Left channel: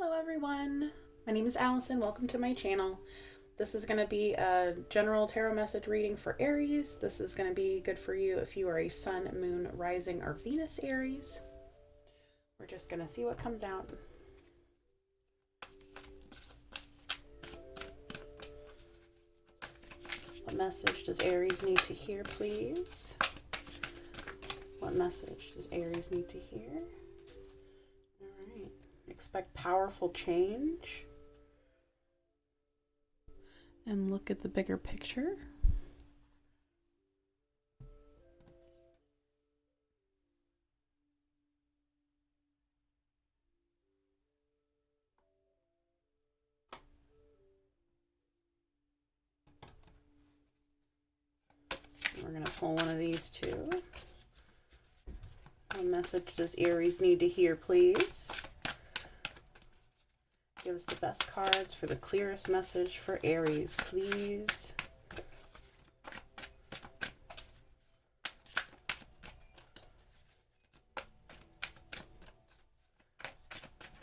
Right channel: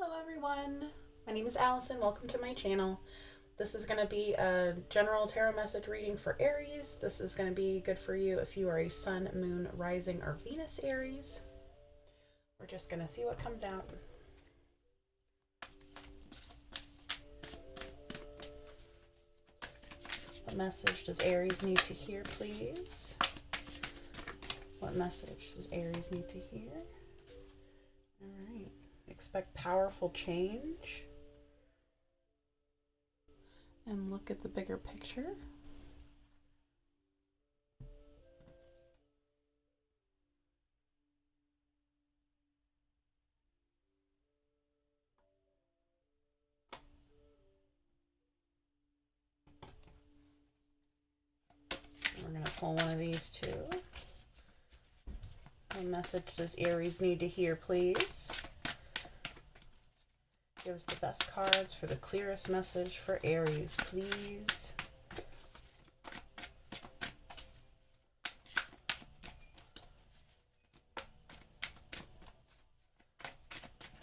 Hello everyone, my name is Allison. Welcome to my channel. This is going to be a general tarot message reading for Aries. This is going to be good for you if you are a Sun, Moon, Rising, or Venus Aries. We're just going to see what comes out. What message does Aries need to hear, please? What message does Aries need to hear? All right. Expect powerful change. And look at the bigger picture. We're going to pull one of these too. What message does Aries need to hear, please? Give us the best cards for the clearest message for Aries, please.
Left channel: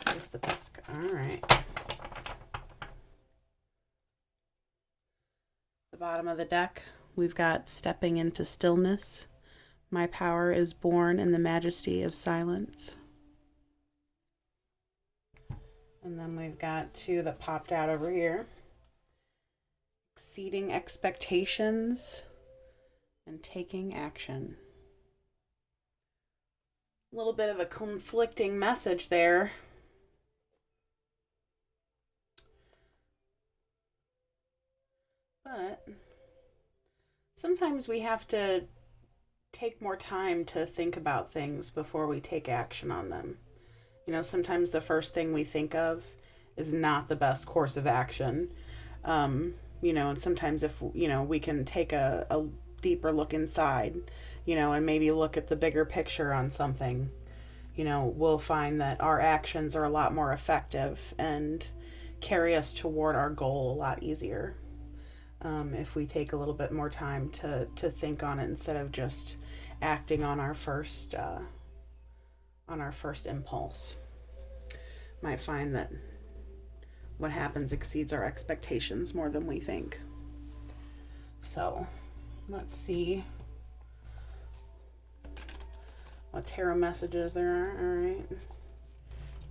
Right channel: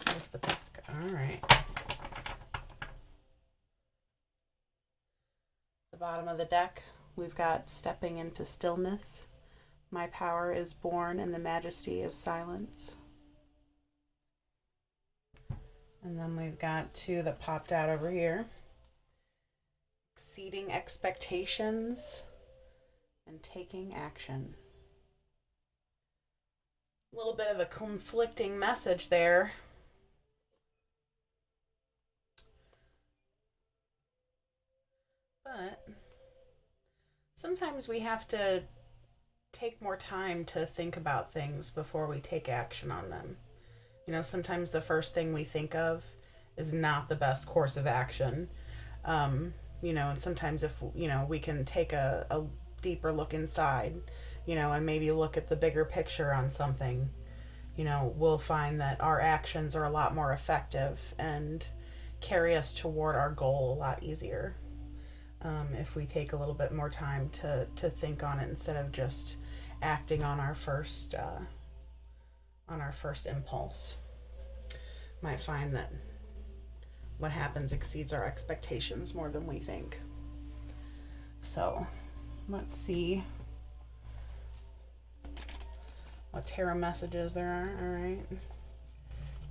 Give us the best card. All right. The bottom of the deck, we've got stepping into stillness. My power is born in the majesty of silence. And then we've got two that popped out over here. Exceeding expectations and taking action. A little bit of a conflicting message there. But sometimes we have to take more time to think about things before we take action on them. You know, sometimes the first thing we think of is not the best course of action. You know, and sometimes if, you know, we can take a deeper look inside, you know, and maybe look at the bigger picture on something, you know, we'll find that our actions are a lot more effective and carry us toward our goal a lot easier. If we take a little bit more time to think on it instead of just acting on our first impulse. Might find that what happens exceeds our expectations more than we think. So let's see what tarot messages there are. All right.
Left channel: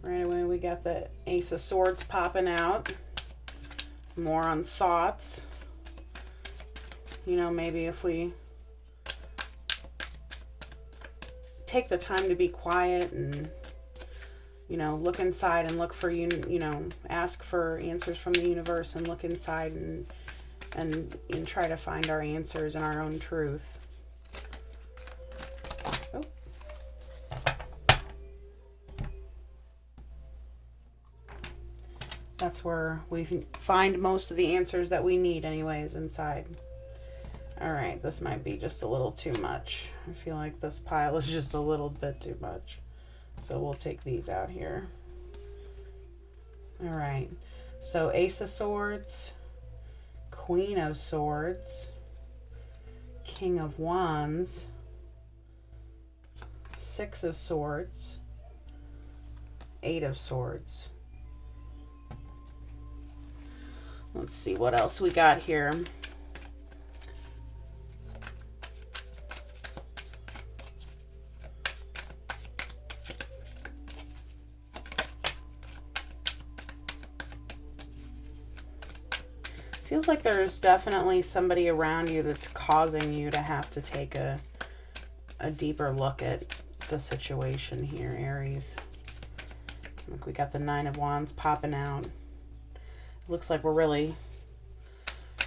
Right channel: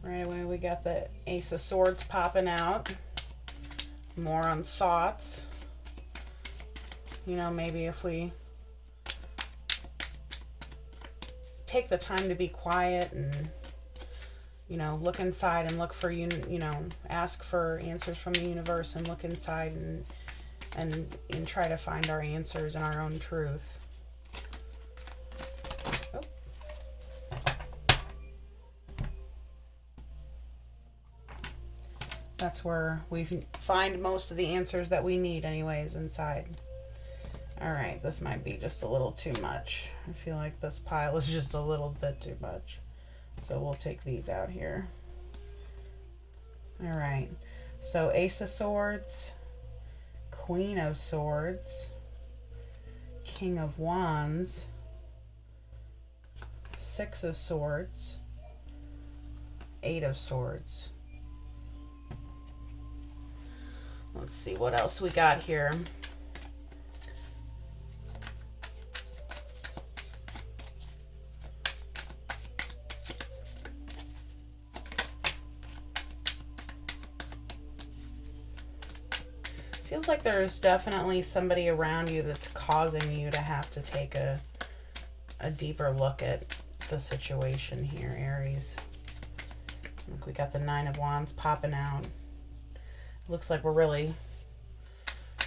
Right away we got the Ace of Swords popping out. More on thoughts. You know, maybe if we take the time to be quiet and, you know, look inside and look for, you know, ask for answers from the universe and look inside and try to find our answers and our own truth. Oh. That's where we find most of the answers that we need anyways, inside. All right, this might be just a little too much. I feel like this pile is just a little bit too much. So we'll take these out here. All right, so Ace of Swords, Queen of Swords, King of Wands, Six of Swords, Eight of Swords. Let's see what else we got here. Feels like there's definitely somebody around you that's causing you to have to take a deeper look at the situation here, Aries. Look, we got the Nine of Wands popping out. Looks like we're really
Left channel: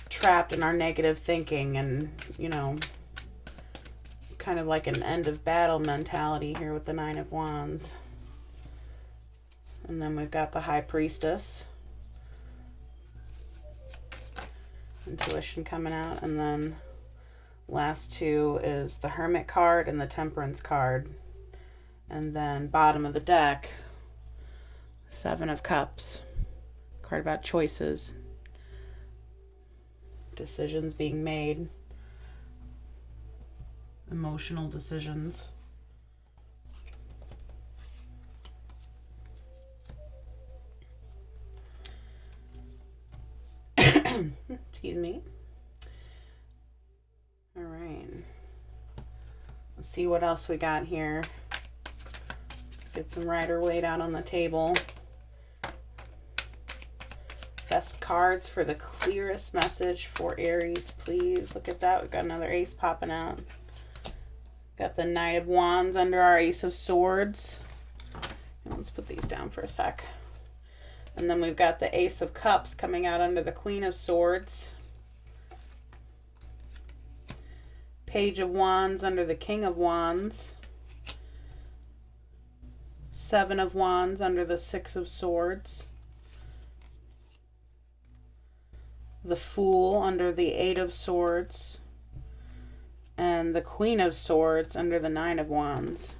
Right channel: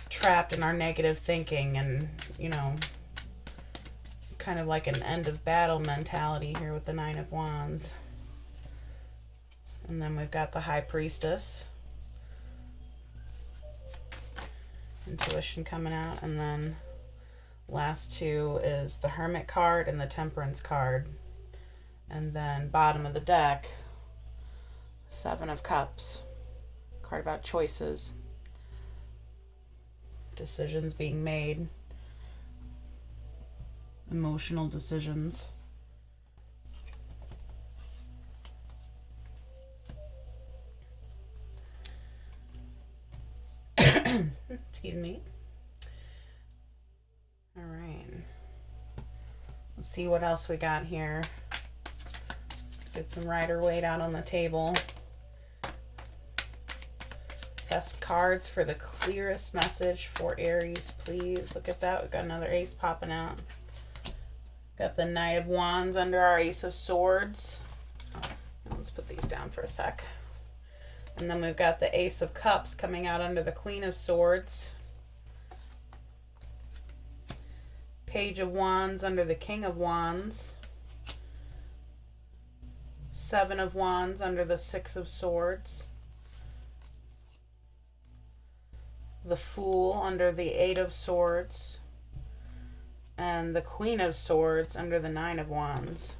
trapped in our negative thinking and, you know, kind of like an end of battle mentality here with the Nine of Wands. And then we've got the High Priestess. Intuition coming out, and then last two is the Hermit card and the Temperance card, and then bottom of the deck, Seven of Cups, card about choices, decisions being made, emotional decisions. Excuse me. All right. Let's see what else we got here. Let's get some Rider-Waite out on the table. Best cards for the clearest message for Aries, please. Look at that. We've got another ace popping out. Got the Knight of Wands under our Ace of Swords. Let's put these down for a sec. And then we've got the Ace of Cups coming out under the Queen of Swords. Page of Wands under the King of Wands. Seven of Wands under the Six of Swords. The Fool under the Eight of Swords. And the Queen of Swords under the Nine of Wands.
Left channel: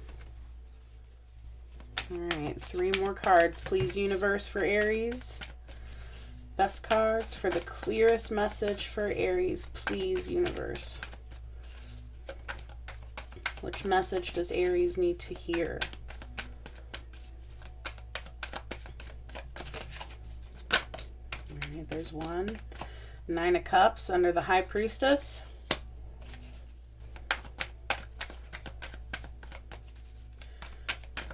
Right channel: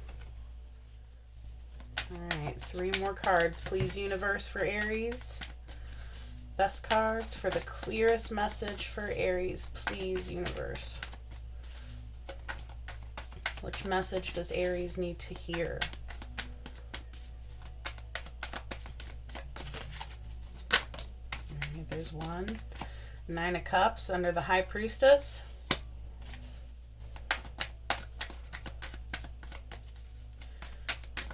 Alright, 3 more cards, please, universe, for Aries. Best cards for the clearest message for Aries, please, universe. Which message does Aries need to hear? Alright, there's one. 9 of Cups under the High Priestess.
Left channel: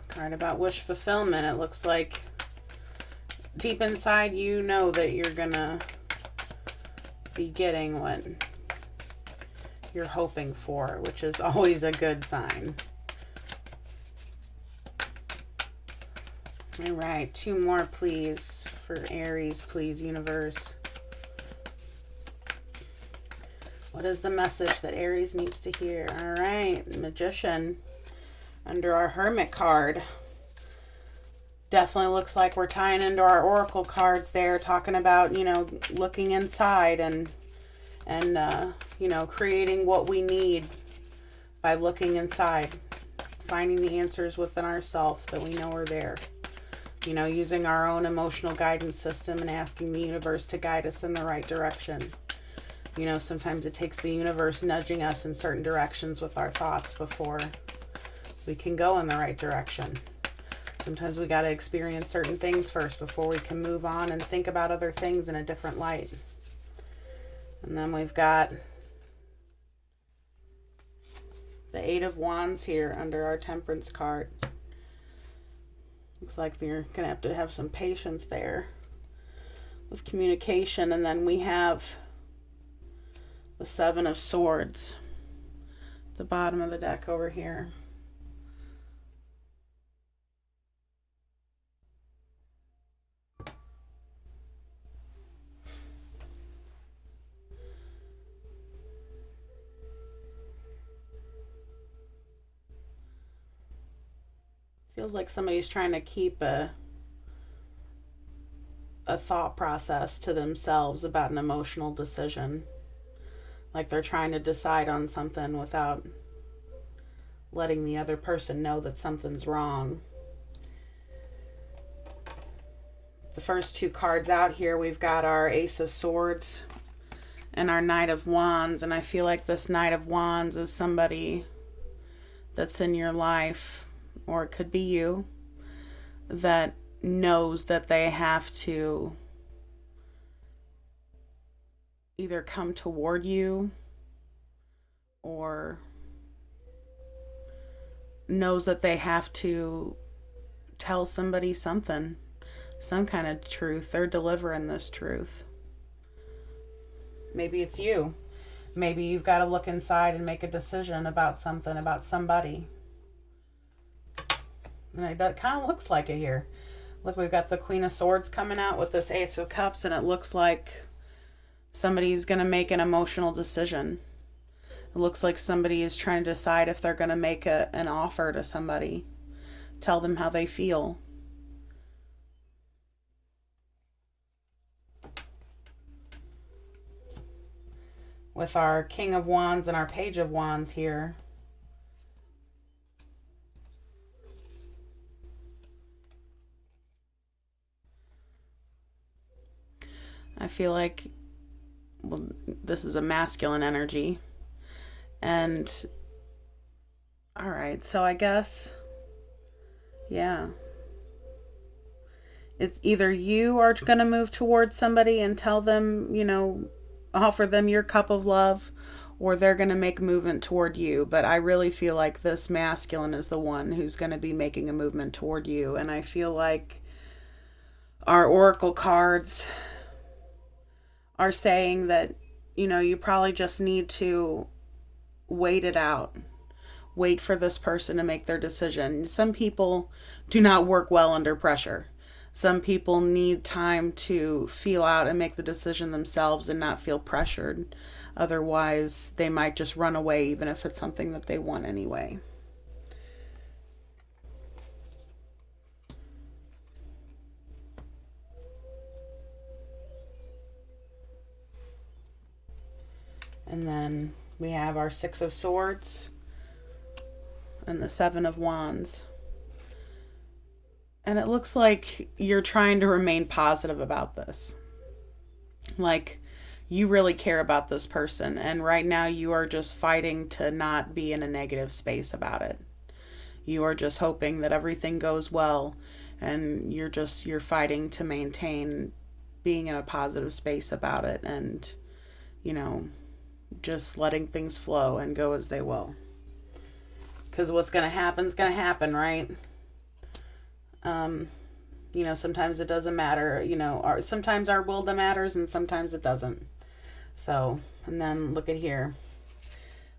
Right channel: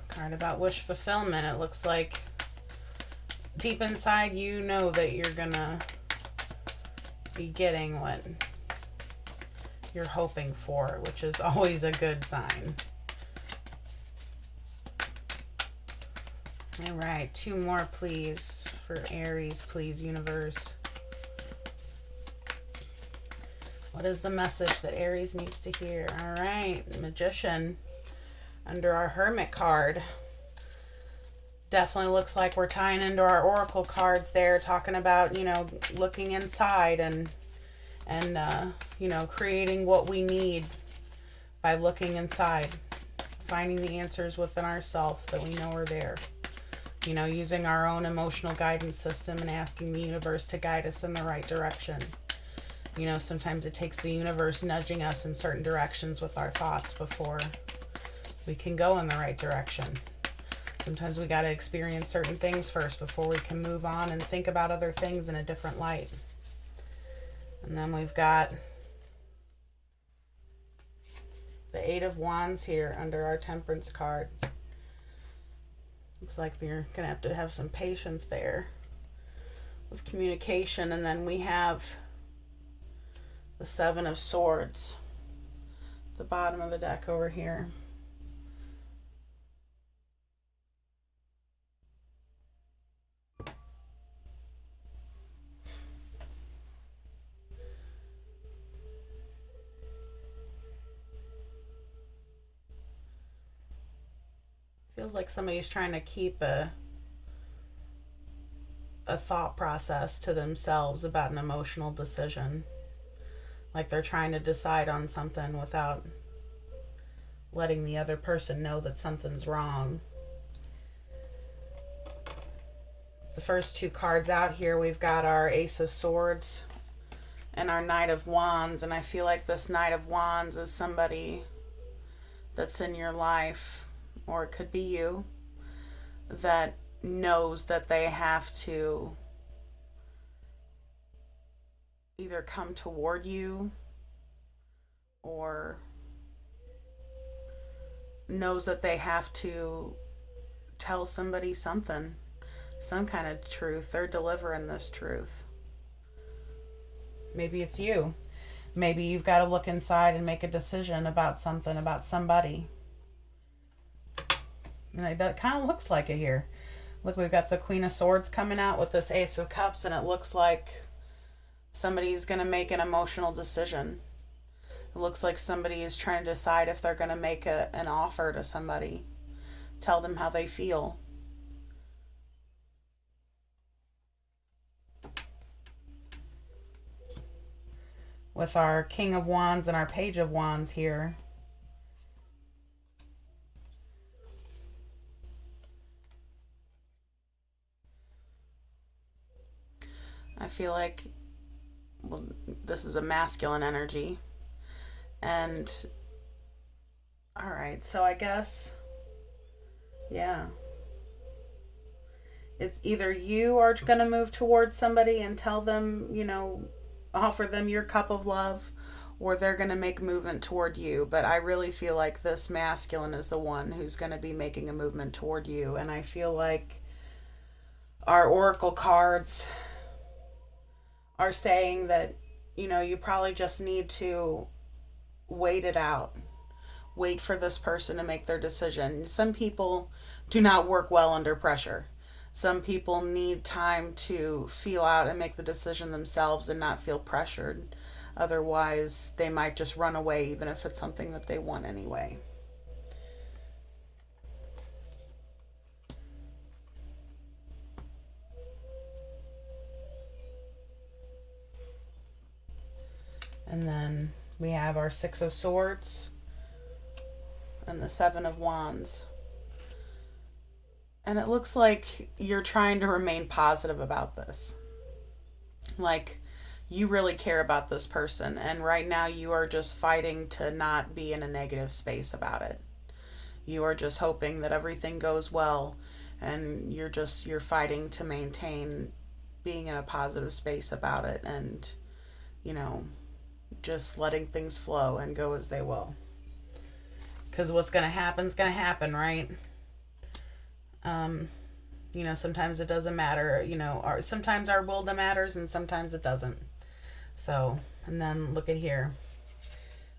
Card about wish fulfillment. It looks like deep inside you know that you're gonna be getting what you're hoping for, which is always a good sign. All right, 2 more, please, for Aries, please, universe. What is the message that Aries needs to hear? All right, Magician under our Hermit card. Definitely looks like we're tying into our Oracle cards there, talking about, you know, looking inside and you know, creating what we need by looking inside, finding the answers within ourselves that we know are there. You know, using our own emotional guidance system and asking the universe to guide us in the right direction. You know, sometimes it takes the universe nudging us in certain directions with our thoughts before we can go in the right direction. Sometimes we got to experience certain things first before we can move on and think about other things in a different light. And then we've got the 8 of Wands here under our Temperance card. Looks like you're going to have some patience there with communication. And then we have the 7 of Swords, the bottom of the deck over here. Feels like somebody's trying to keep a thought process to themselves about an emotional decision. Like they're trying to decide on something without letting the other person know that something's wrong. The first 2 cards out here, we've got our Ace of Swords and our Knight of Wands. And I feel like this Knight of Wands is somebody that's in your life, or it could be you, that knows that they have to either come toward you or knows that they have to tell somebody something, some kind of truth. They're delivering this truth. Maybe it's you. Maybe you've got to look inside and make a decision about something, about somebody. And it kind of looks like it here. Look, we've got the Queen of Swords coming out with this Ace of Cups, and it looks like somebody's going to make an emotional decision. It looks like somebody is trying to decide if they're going to make an offer to somebody, tell them how they feel. With our King of Wands and our Page of Wands here. I feel like, well, this is a masculine energy. And, all right, so I guess, yeah. It's either you are going to move towards somebody and tell them, you know, offer them your cup of love, or they're going to make a movement toward you. But I really feel like this masculine is the one who's going to be making a movement toward you. And I feel like our oracle cards are saying that, you probably just need to wait it out. Wait for this person to make their decision. Some people do not work well under pressure. Some people need time to feel out and make the decision themselves and not feel pressured. Otherwise, they might just run away, even if it's something that they want anyway. And then we have our Six of Swords and the Seven of Wands. And it looks like you're trying to remain positive about this. Like, you really care about this person, and right now you are just fighting to not be in a negative space about it. You are just hoping that everything goes well, and you're fighting to maintain being in a positive space about it, and just letting things flow and go as they will. Because what's going to happen is going to happen, right? Sometimes it doesn't matter, sometimes our will matters and sometimes it doesn't. So, and then look at here.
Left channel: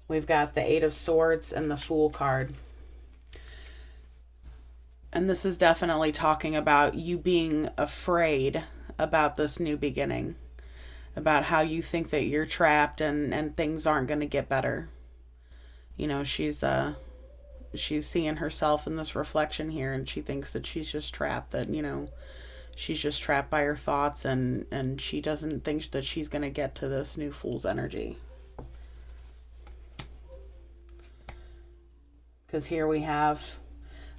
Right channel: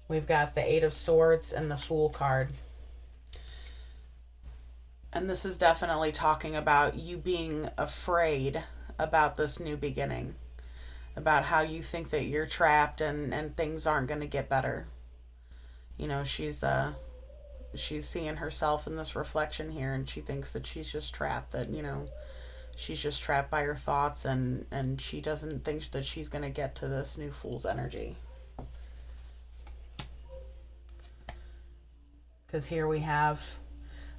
We've got the Eight of Swords and the Fool card. And this is definitely talking about you being afraid about this new beginning, about how you think that you're trapped and things aren't going to get better. She's seeing herself in this reflection here, and she thinks that she's just trapped, that, she's just trapped by her thoughts, and she doesn't think that she's going to get to this new Fool's energy. Because here we have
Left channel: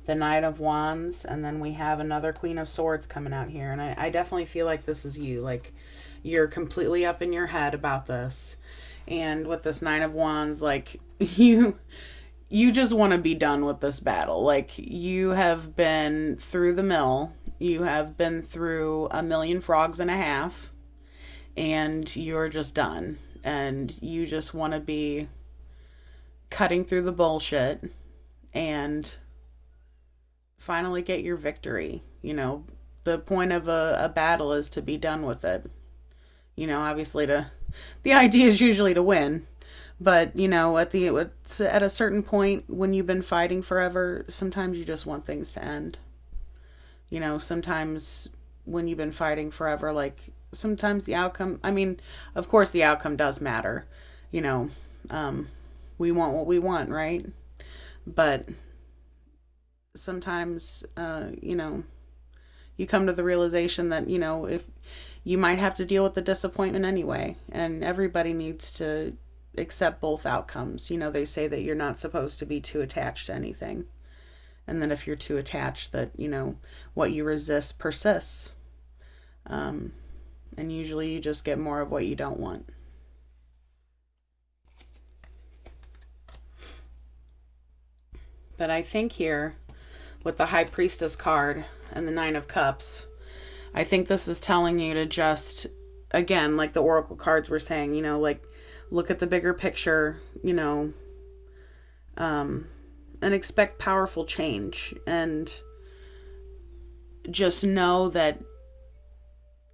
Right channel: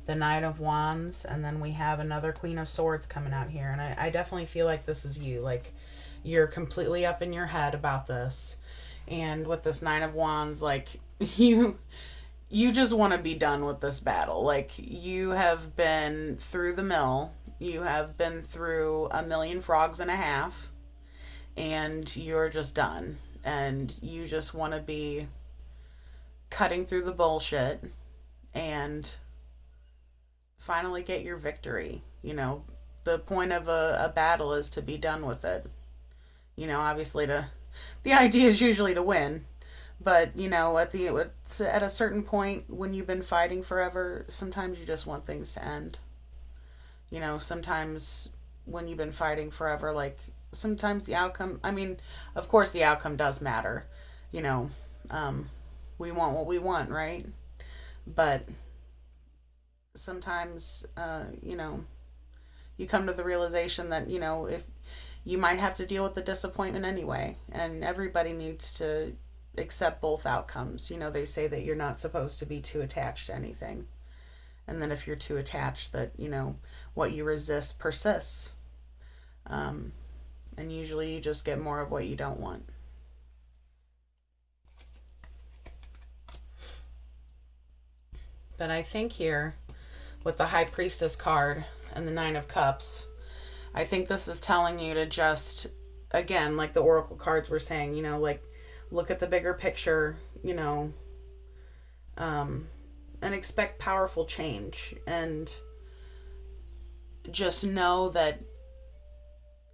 the Knight of Wands, and then we have another Queen of Swords coming out here. And I definitely feel like this is you. Like, you're completely up in your head about this. And with this Nine of Wands, like, you just want to be done with this battle. Like, you have been through the mill. You have been through 1,000,000 frogs and a half. And you're just done. And you just want to be cutting through the bullshit and finally get your victory. The point of a battle is to be done with it. Obviously the idea is usually to win. But, at a certain point when you've been fighting forever, sometimes you just want things to end. Sometimes when you've been fighting forever, like, sometimes the outcome, of course the outcome does matter. We want what we want, right? But sometimes, you come to the realization that, if you might have to deal with the disappointment anyway, and everybody needs to accept both outcomes. They say that you're not supposed to be too attached to anything. And then if you're too attached, that, what you resist persists. And usually you just get more of what you don't want. But I think here, with the High Priestess card and the Nine of Cups, I think this is telling you to just, again, like the Oracle cards were saying, like, look at the bigger picture, and expect powerful change. And just know that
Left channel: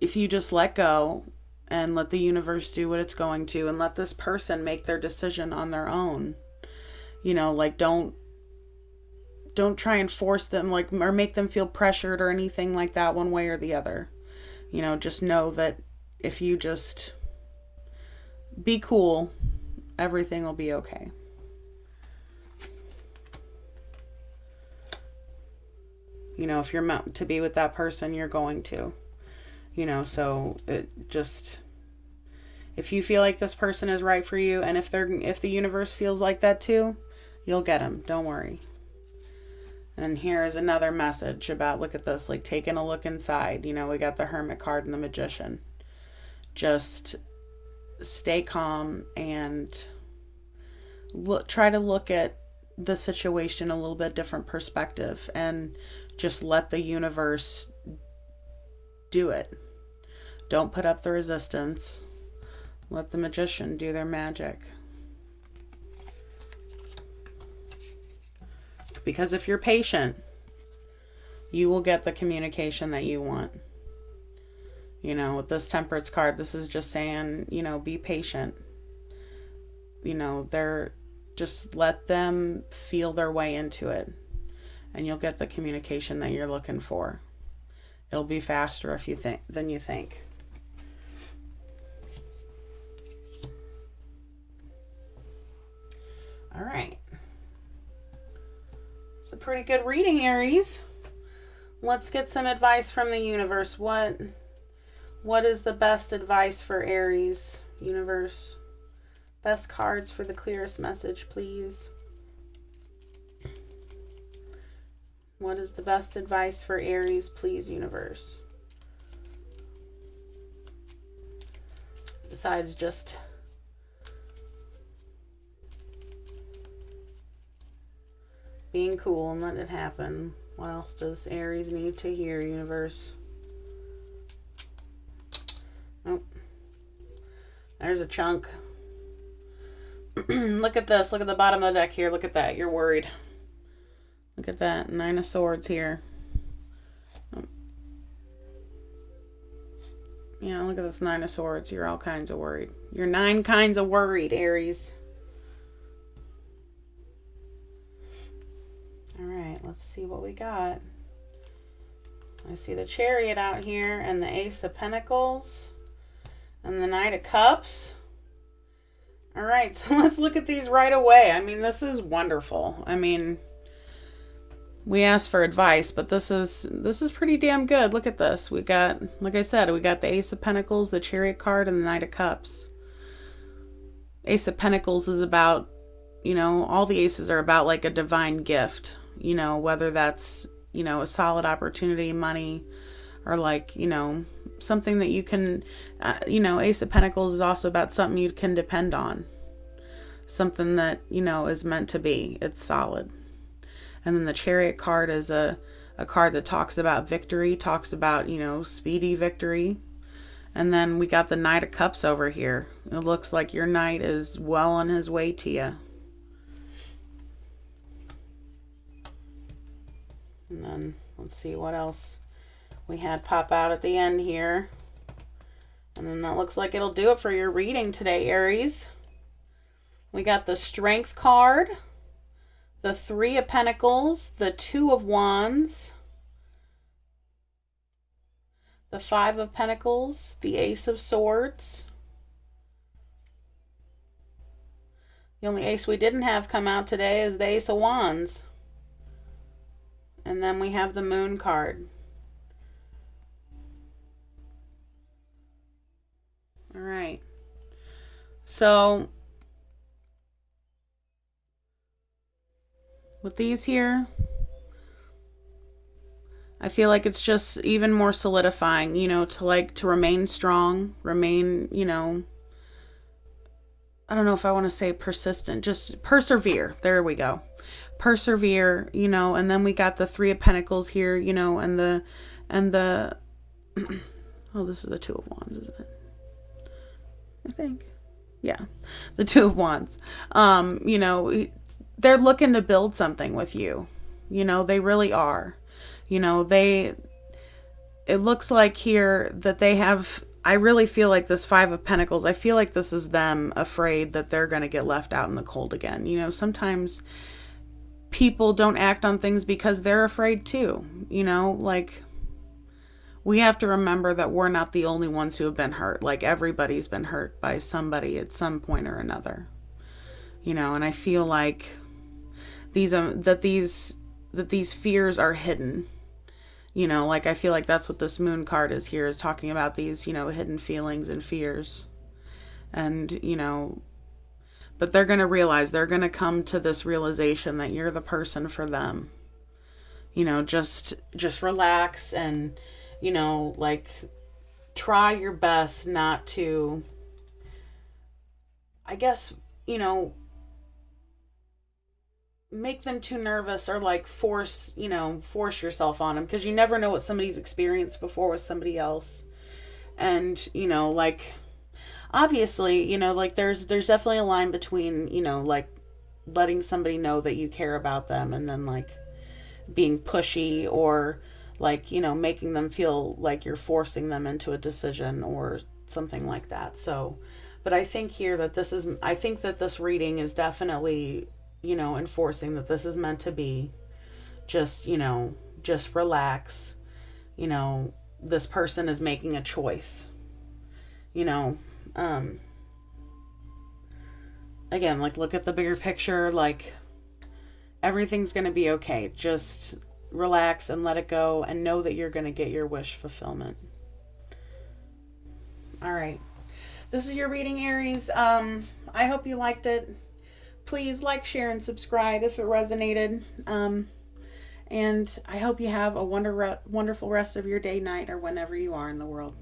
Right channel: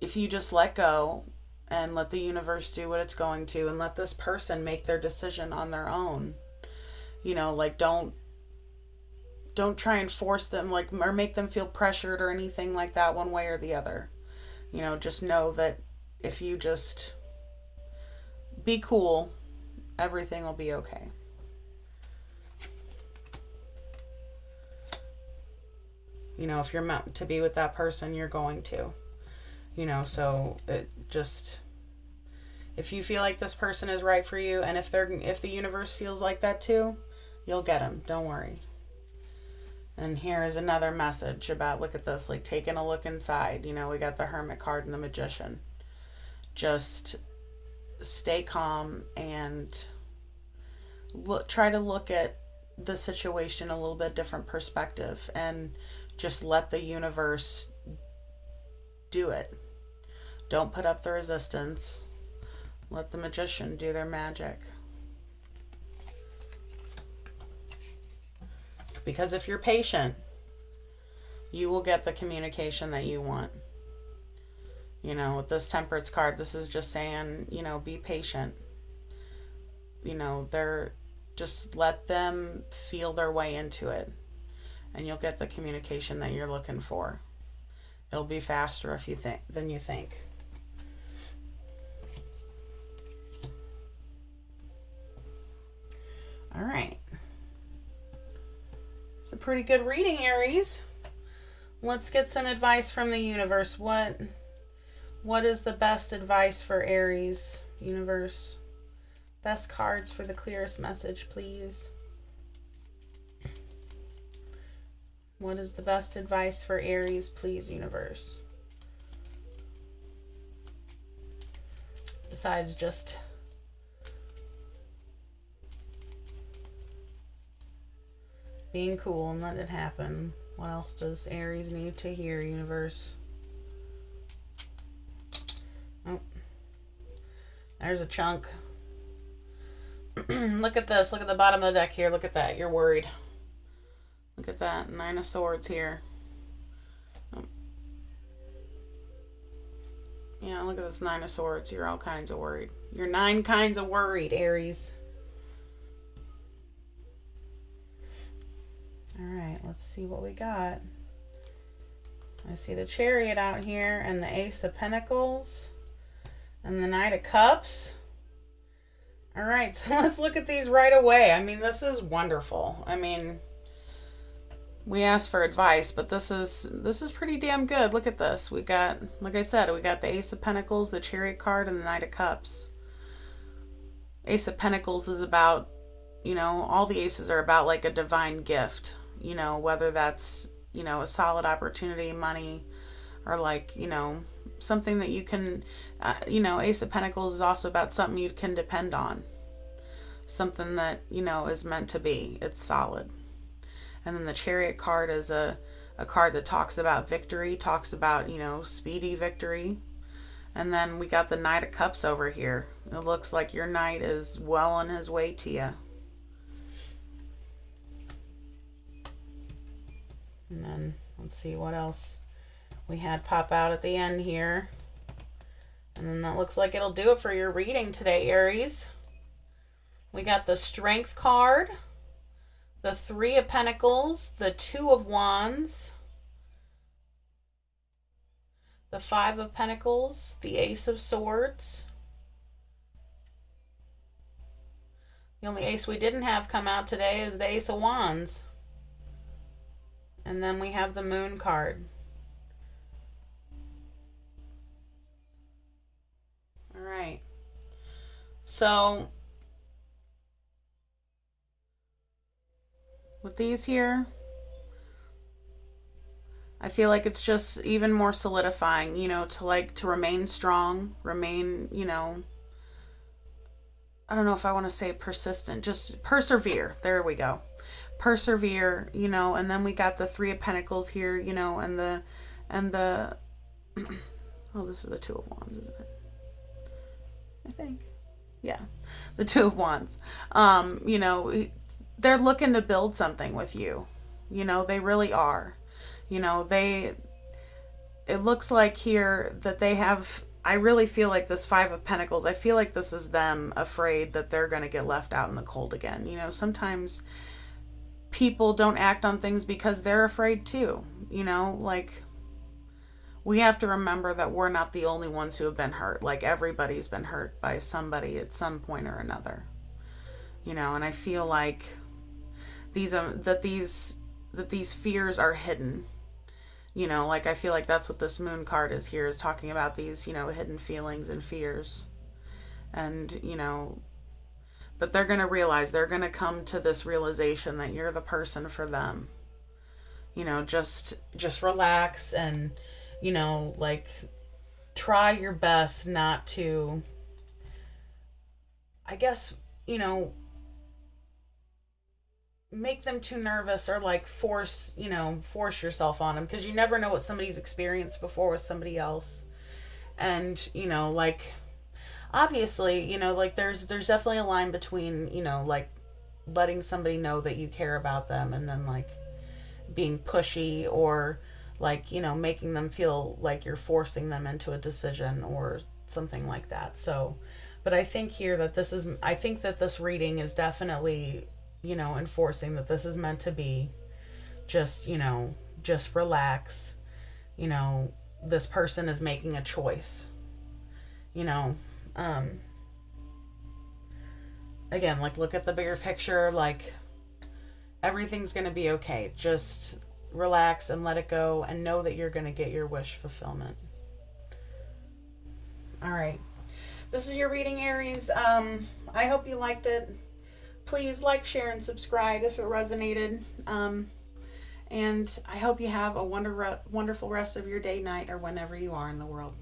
if you just let go and let the universe do what it's going to, and let this person make their decision on their own, like, don't try and force them, like, or make them feel pressured or anything like that one way or the other. Just know that if you just be cool, everything will be okay. If you're meant to be with that person, you're going to. So if you feel like this person is right for you, and if the universe feels like that too, you'll get them. Don't worry. And here is another message about, look at this, like, taking a look inside. We got the Hermit card and the Magician. Just stay calm and try to look at the situation a little bit different perspective, and just let the universe do it. Don't put up the resistance. Let the magician do their magic. Because if you're patient, you will get the communication that you want. You know, with this Temperance card, this is just saying, you know, be patient. You know, just let them feel their way into it, and you'll get the communication that you're looking for. It'll be faster than you think. All right. It's a pretty good reading, Aries. Let's get some advice from the universe. What is the best advice for Aries, universe? Best cards for the clearest message, please. What is the best advice for Aries, please, universe? Besides just being cool and letting it happen. What else does Aries need to hear, universe? Oh, there's a chunk. Look at this. Look at the bottom of the deck here. Look at that. You're worried. Look at that. 9 of Swords here. Yeah, look at this 9 of Swords. You're all kinds of worried. You're 9 kinds of worried, Aries. All right, let's see what we got. I see the Chariot out here and the Ace of Pentacles and the Knight of Cups. All right, so let's look at these right away. I mean, this is wonderful. I mean, we asked for advice, but this is pretty damn good. Look at this. We got, like I said, we got the Ace of Pentacles, the Chariot card, and the Knight of Cups. Ace of Pentacles is about, you know, all the aces are about like a divine gift, you know, whether that's, you know, a solid opportunity, money, or like, you know, something that you can, you know, Ace of Pentacles is also about something you can depend on. Something that, you know, is meant to be. It's solid. And then the Chariot card is a card that talks about victory, talks about, you know, speedy victory. And then we got the Knight of Cups over here. It looks like your knight is well on his way to you. And then let's see what else we had pop out at the end here. And then that looks like it'll do it for your reading today, Aries. We got the Strength card, the 3 of Pentacles, the 2 of Wands, the 5 of Pentacles, the Ace of Swords. The only ace we didn't have come out today is the Ace of Wands. And then we have the Moon card. All right. So with these here, I feel like it's just even more solidifying, you know, to remain strong, remain, you know, I don't know if I want to say persistent, just persevere. There we go. Persevere, you know, and then we got the 3 of Pentacles here, you know, and the oh, this is the 2 of Wands, isn't it? I think. Yeah. The 2 of Wands. You know, they're looking to build something with you. You know, they really are. You know, it looks like here that they have, I really feel like this 5 of Pentacles, I feel like this is them afraid that they're going to get left out in the cold again. You know, sometimes people don't act on things because they're afraid too. You know, like, we have to remember that we're not the only ones who have been hurt. Like, everybody's been hurt by somebody at some point or another. You know, and I feel like that these fears are hidden. You know, like, I feel like that's what this Moon card is here, is talking about these, you know, hidden feelings and fears. And, you know, but they're going to realize, they're going to come to this realization that you're the person for them. You know, just relax and, you know, like, try your best not to, I guess, you know, make them too nervous, or like force yourself on them, because you never know what somebody's experienced before with somebody else. And, you know, like, obviously, like there's definitely a line between, like letting somebody know that you care about them and then like being pushy or like, making them feel like you're forcing them into a decision or something like that. So, but I think here that I think that this reading is definitely, enforcing that this is meant to be just, just relax. This person is making a choice, you know, um, again, like look at the bigger picture, like everything's going to be okay. Just relax and let it go and know that you're going to get your wish fulfillment. All right. This is your reading, Aries. I hope you liked it. Please like, share, and subscribe if it resonated. And I hope you have a wonderful rest of your day, night, or whenever you are in the world.